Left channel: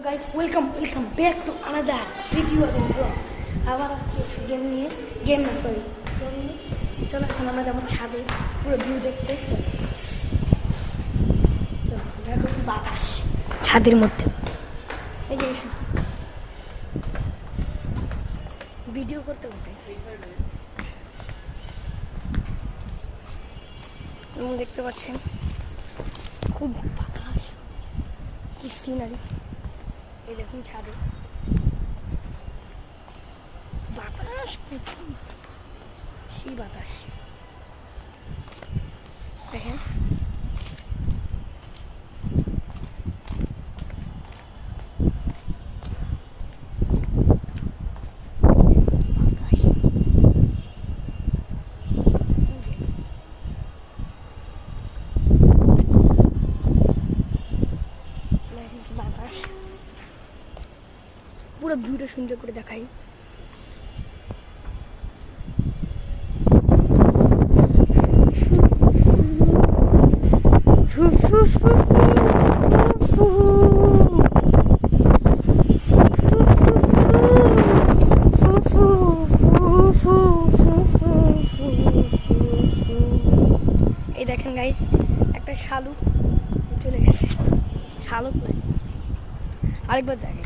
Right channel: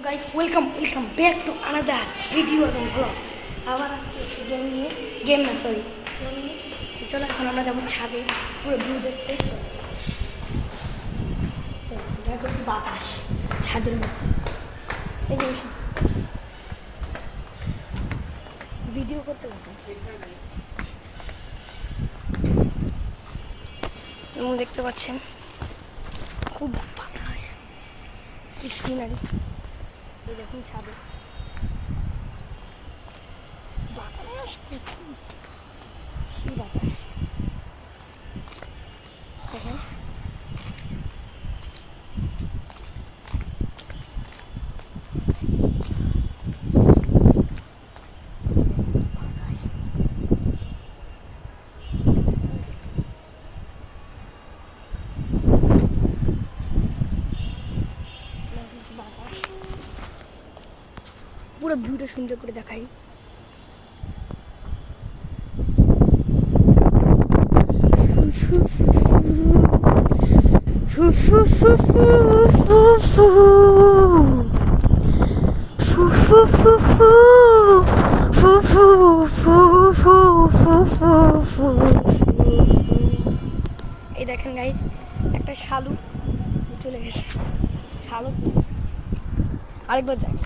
So guys, welcome back to another video এবং vlog. আবার আসছে গেম নিয়ে, গেম না সরি গেম নিয়ে। চলো এখন আমরা যাবো ছাদে পুরো ভিউ দেখতে। চলো দেখো কি বাতাস ছাদের মধ্যে। এই যে ভিডিও করতে করতে এবং দেখতে পাচ্ছেন খুব বাতাস, কি সিনারি। এই দেখুন ছাদে বাতাস প্রচুর, সেই বাতাস দেখেন। বাতাস পুরো ভিউটা সুন্দর করে দেখাই। এই দেখেন গাইস, একটা শালুক চলে গেছে। শালুক নয়, আরেকবার যাই।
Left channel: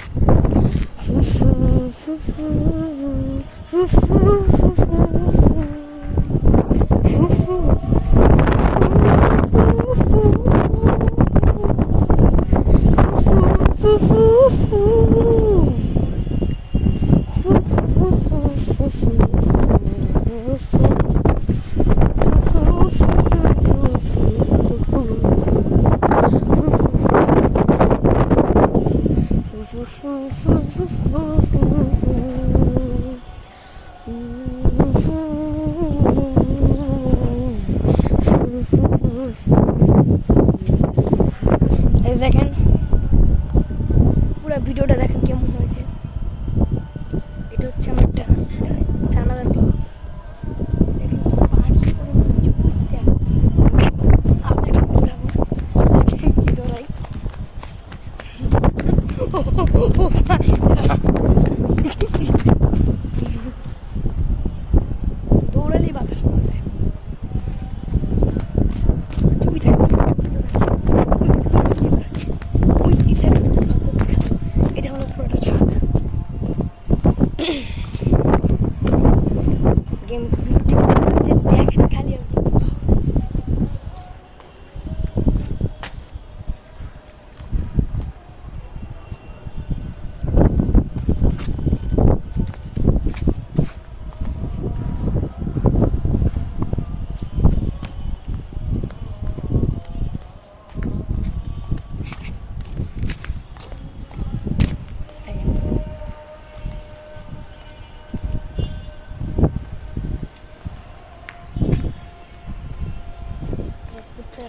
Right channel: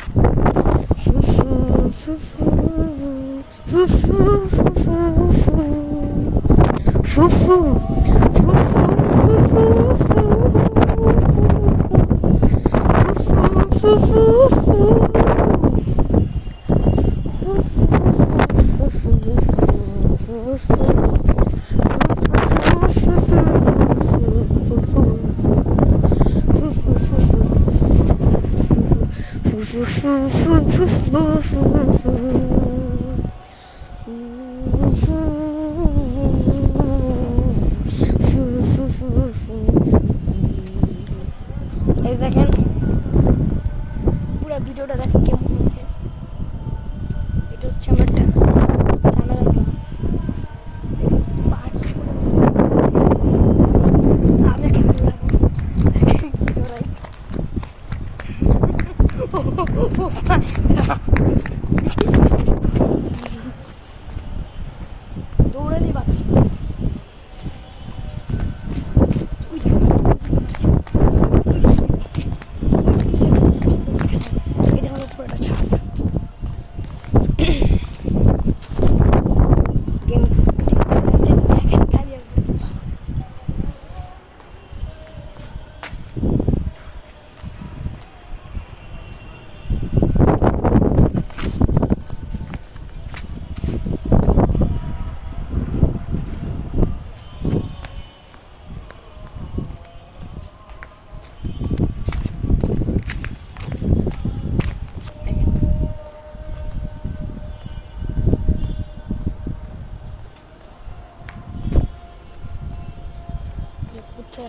দেখেন পুরো ভিডিওটা দেখেন কেমন হয়েছে। এটা হচ্ছে আমার কানাডা ভিউ। দৌড়ালেই বাতাস পড়ে যায়। এটা হলো পুরোটা ছাদ। গেম দেখেন খালি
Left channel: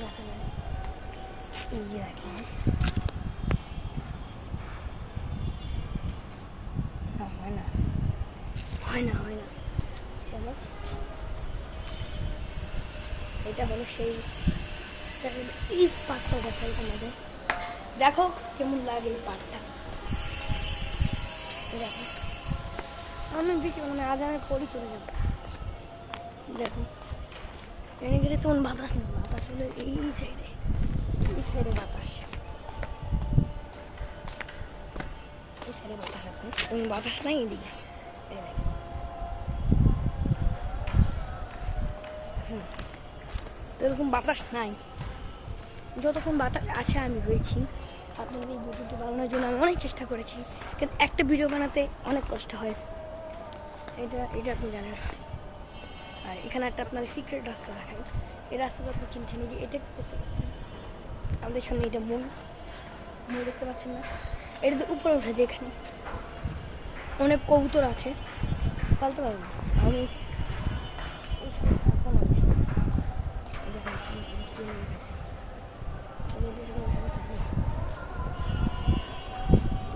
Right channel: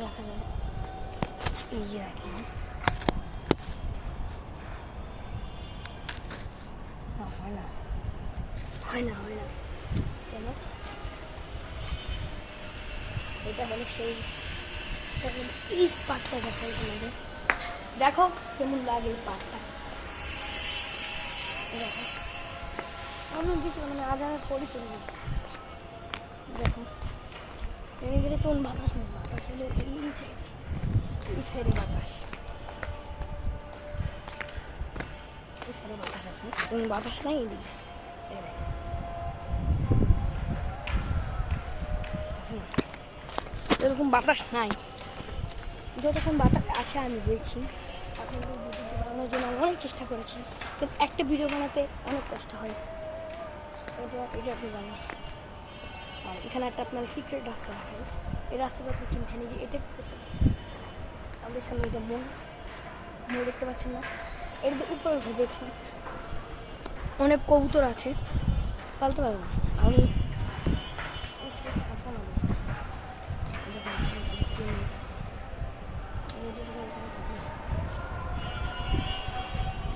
রাখা যাবে, এই রাখি হয় না। চলো, এটা হলো সেই পাটটা দেখাই তোমাদের। দেখো কেমন লাগে এই পাটটা। দেখো অনেক বেশি মানে আজ আমার পরে চলে যাবে। দেখো ভেঙে গেলে তখন বাতাস নেই, বাতাস হলে এই সাইডে বাতাস, এই সাইডে বাতাস আছে এবং বাতাস নাই এদিকে। এরকম বাতাস নাই, যতক্ষণ বাতাস আছে আমি রয়েছি। আপনাদের এই ভিডিওটি বানানোর জন্য আমি অনেক চেষ্টা করেছি, কিন্তু একটা ভিডিও বানাতে অনেক কষ্ট হয়, এটা আপনি জানেন। আর এখানে একটা আপনার সিক্রেট রাস্তা দেখাই। এই রাস্তাটা আপনি চিনছেন, এই যে এটা করতে পারছেন আমাদের সামনে, এটা মন দেখতে পাচ্ছেন না? এটা তো উপরে উঠে, যেখানে অনেক কবুতর আছে, পালতে পারবো না আমি।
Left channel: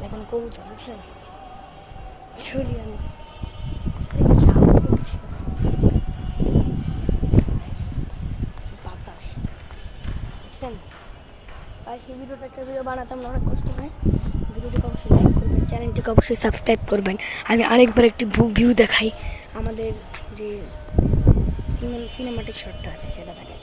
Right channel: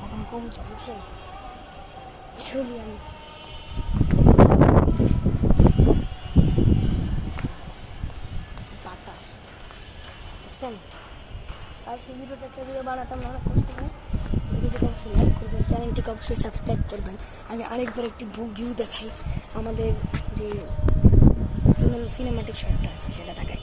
এখন কবুতর বুঝছেন, চলি আমি। বাতাস দেখছেন, আর সেই ভিডিওটা একটা ভিডিও বানাতাম অনেক কষ্ট হয়। ভিডিওটিকে অবশ্যই লাইক করবেন, চ্যানেলটিকে অবশ্যই সাবস্ক্রাইব করবেন। আমি আরেকবার একটি ভিউ দেখাই, আমাদের যে সিনেমাটিক শটটা আছে সেটা দেখাই।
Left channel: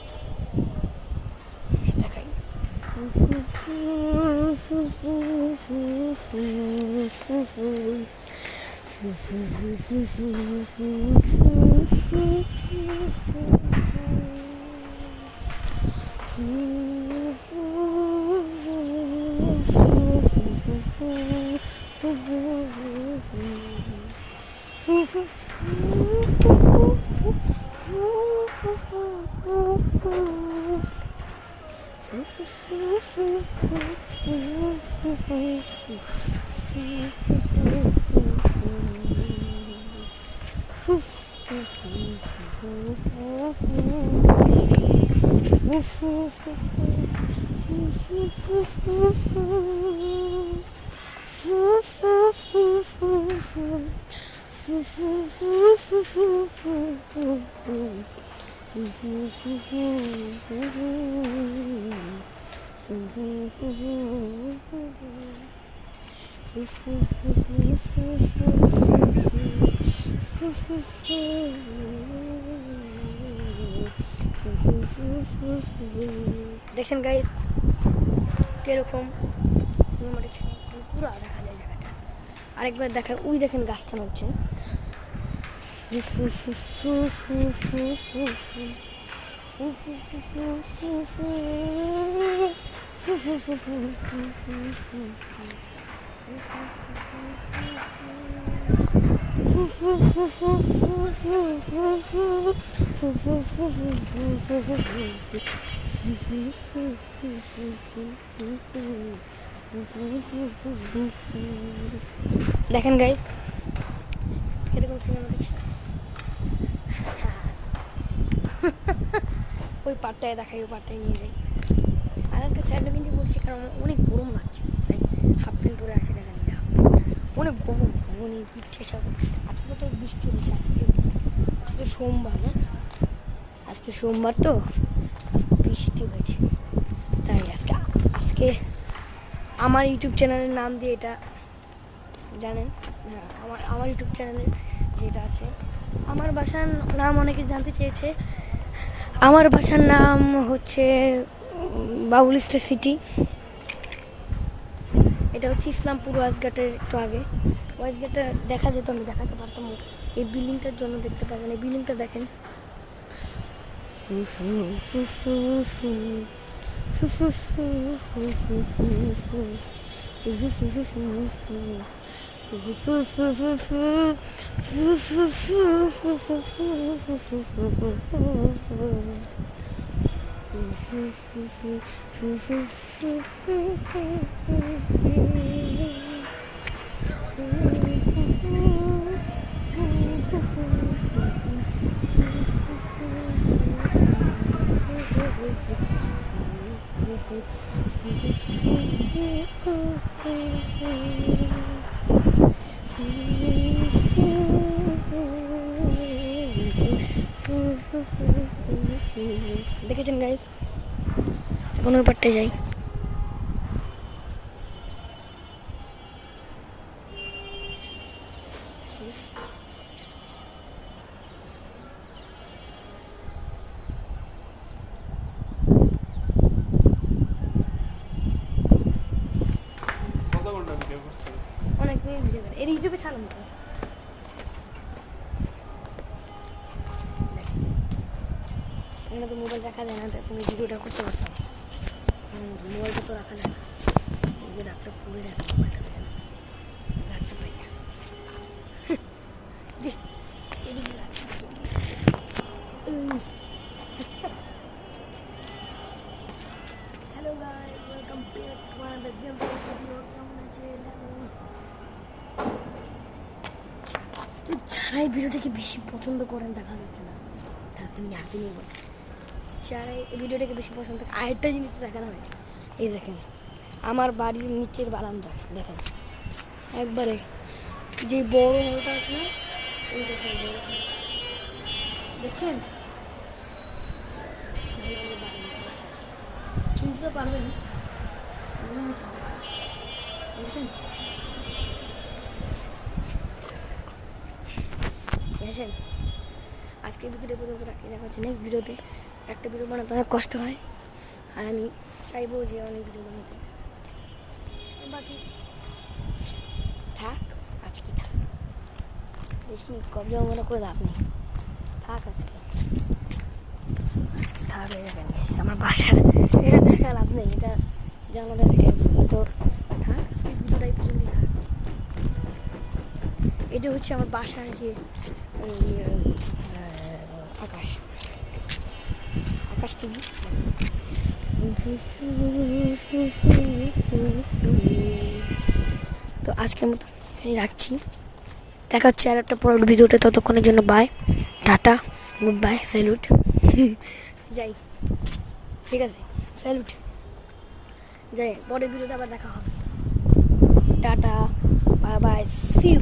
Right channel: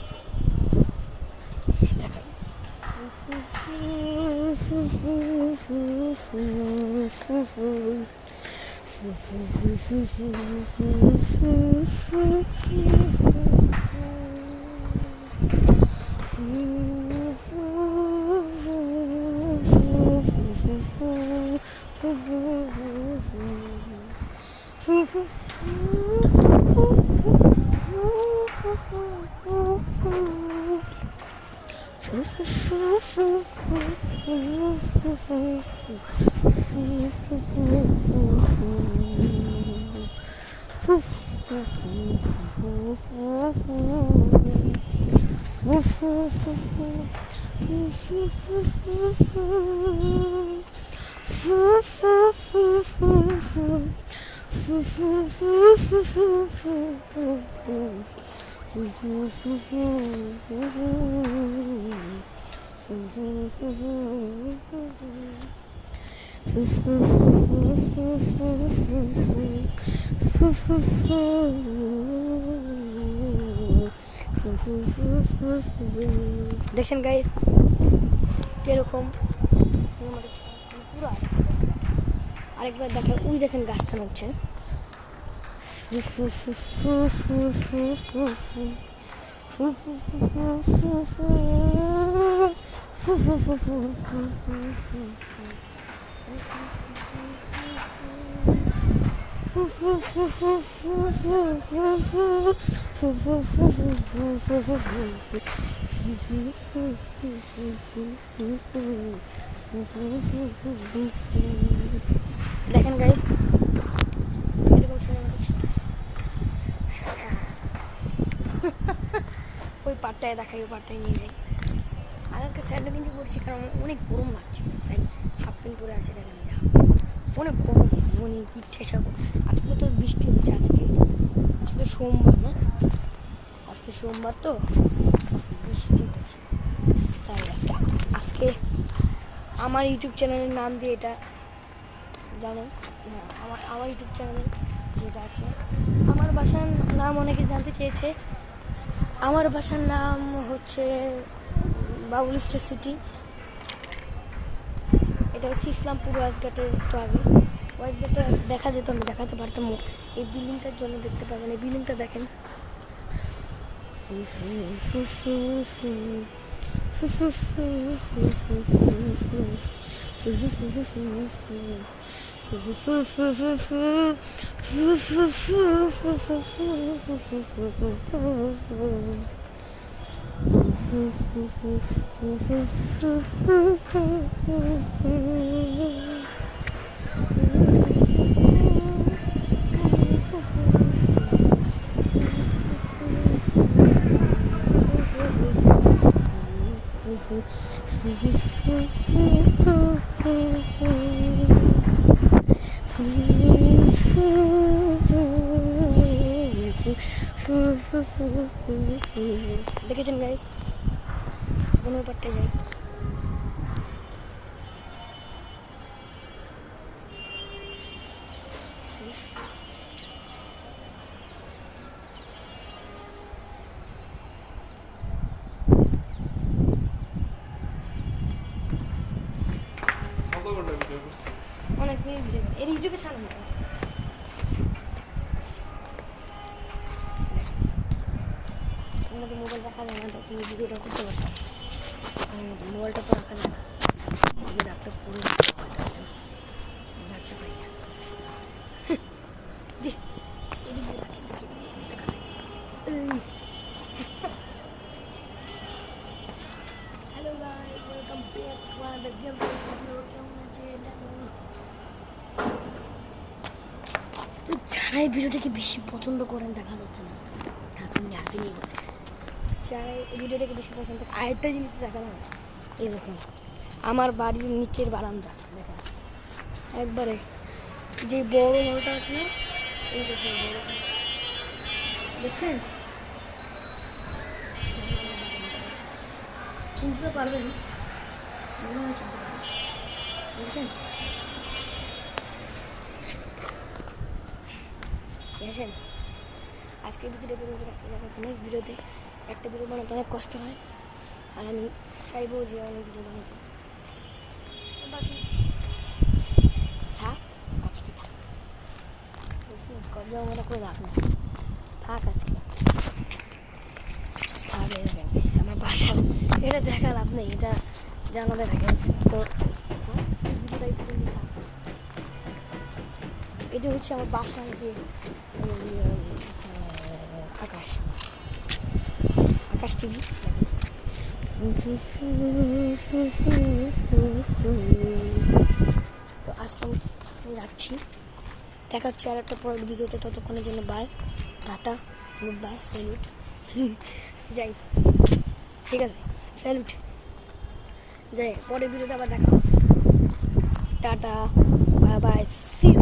দেখছেন গাইস কিরকম সিনেমাটিক পুরো দেখা যায় জায়গাটা। আরেকবার দেখেন, ওই দেখেন গাছটা নড়ছে। দেখেন গাইস ওই পাটটায় দেখাই, ওই পাটটায় নিয়ে যাই। আর আজকে স্যান্ডো কিন্তু পড়ছি, কারণ অনেক গরম লাগছে, তাই হাফ প্যান্ট পরে আসে দেখা নিয়ে যাও। অনেক গরম, অনেক ইচ্ছে সব। আজকে তো বৃষ্টি হয়েছে, আজকে সোমবার না, আজকে সোমবার তো বৃষ্টি হয়েছে, তাই আজকে আমার ইউটিউব চ্যানেলের নাম দিয়ে এটা জানেন, হ্যাঁ আমার ইউটিউব চ্যানেলে যেটা আছে, আমার বাসার নাম অনেকে জানতে চেয়েছে। আমার বাসার নাম হচ্ছে বাবুল স্টার সিটি। এটা হচ্ছে ইসলামপুর ওয়াইজঘাটের একটু আগে। ওয়াইজঘাটটা দেখা যেত, আমি দেখাতে পারতাম। এই বিল্ডিংটার জন্য দেখতে পাবেন, এই বিল্ডিংটা দেখেন। দেখেছেন গাইস, কোনো ব্যাপারটা যাই। অনেক মেয়ে ভিডিও করে, এর ইউটিউবে ছাড়ুন তো। মোবাইল রাখা যায় না, তুমি ভিডিওটা করতে পারতাম। মোবাইলটা তো রাখা যায় না, এদিকে রাখলে পুরো মোবাইলটা রাখতে পারি না। এদিকে hello guys, welcome back to another game video. কেমন আছেন? তো যারা এই ভিডিওটাকে বেশি পছন্দ করেন, দেখা যাচ্ছে না, আমি হাতে নিয়ে বলি, যারা এই ভিডিওটাকে বেশি পছন্দ করে, আরেকটা জিনিস দেখানো হয়। এই দেখেন আমার বাড়ির নিচের বারান্দা, দেখেন একবারে যে বড় হলটা আছে না, এই দেখেন বড় হল, দেখছেন? চিনতে পারবেন, দেখছেন? গেছেন। আজকের ভিডিওটা পর্যন্ত দেখা হচ্ছে নেক্সট ভিডিওতে। একটা ভিডিও বানাতে অনেক কষ্ট হয়, আর আমি চাইবো যে অনেক ভিডিও বানাতে। বাকি থাক, আজকে থাক, বেশি কবজা মনে করে লাভ নেই, থাক আজকে থাক। এই দেখেন আমার বাসার, এটা দেখা লাভ নেই, এটা জানালে দেখেন তো থাক, আজকে ভিডিওটা এই পর্যন্তই থাক। এটা হচ্ছে আমার বাসার যে আকাশ, আকাশ টিভি। তো আজকের মতো রাখছি, দেখা হচ্ছে আর একটা পরের ভিডিওতে। ততক্ষণের জন্য bye, tata, good bye, salute. যাই, ঠিক আছে, স্যালুট, যাই, পরের ভিডিওতে আবার দেখা হবে। Tata, bye bye, see you.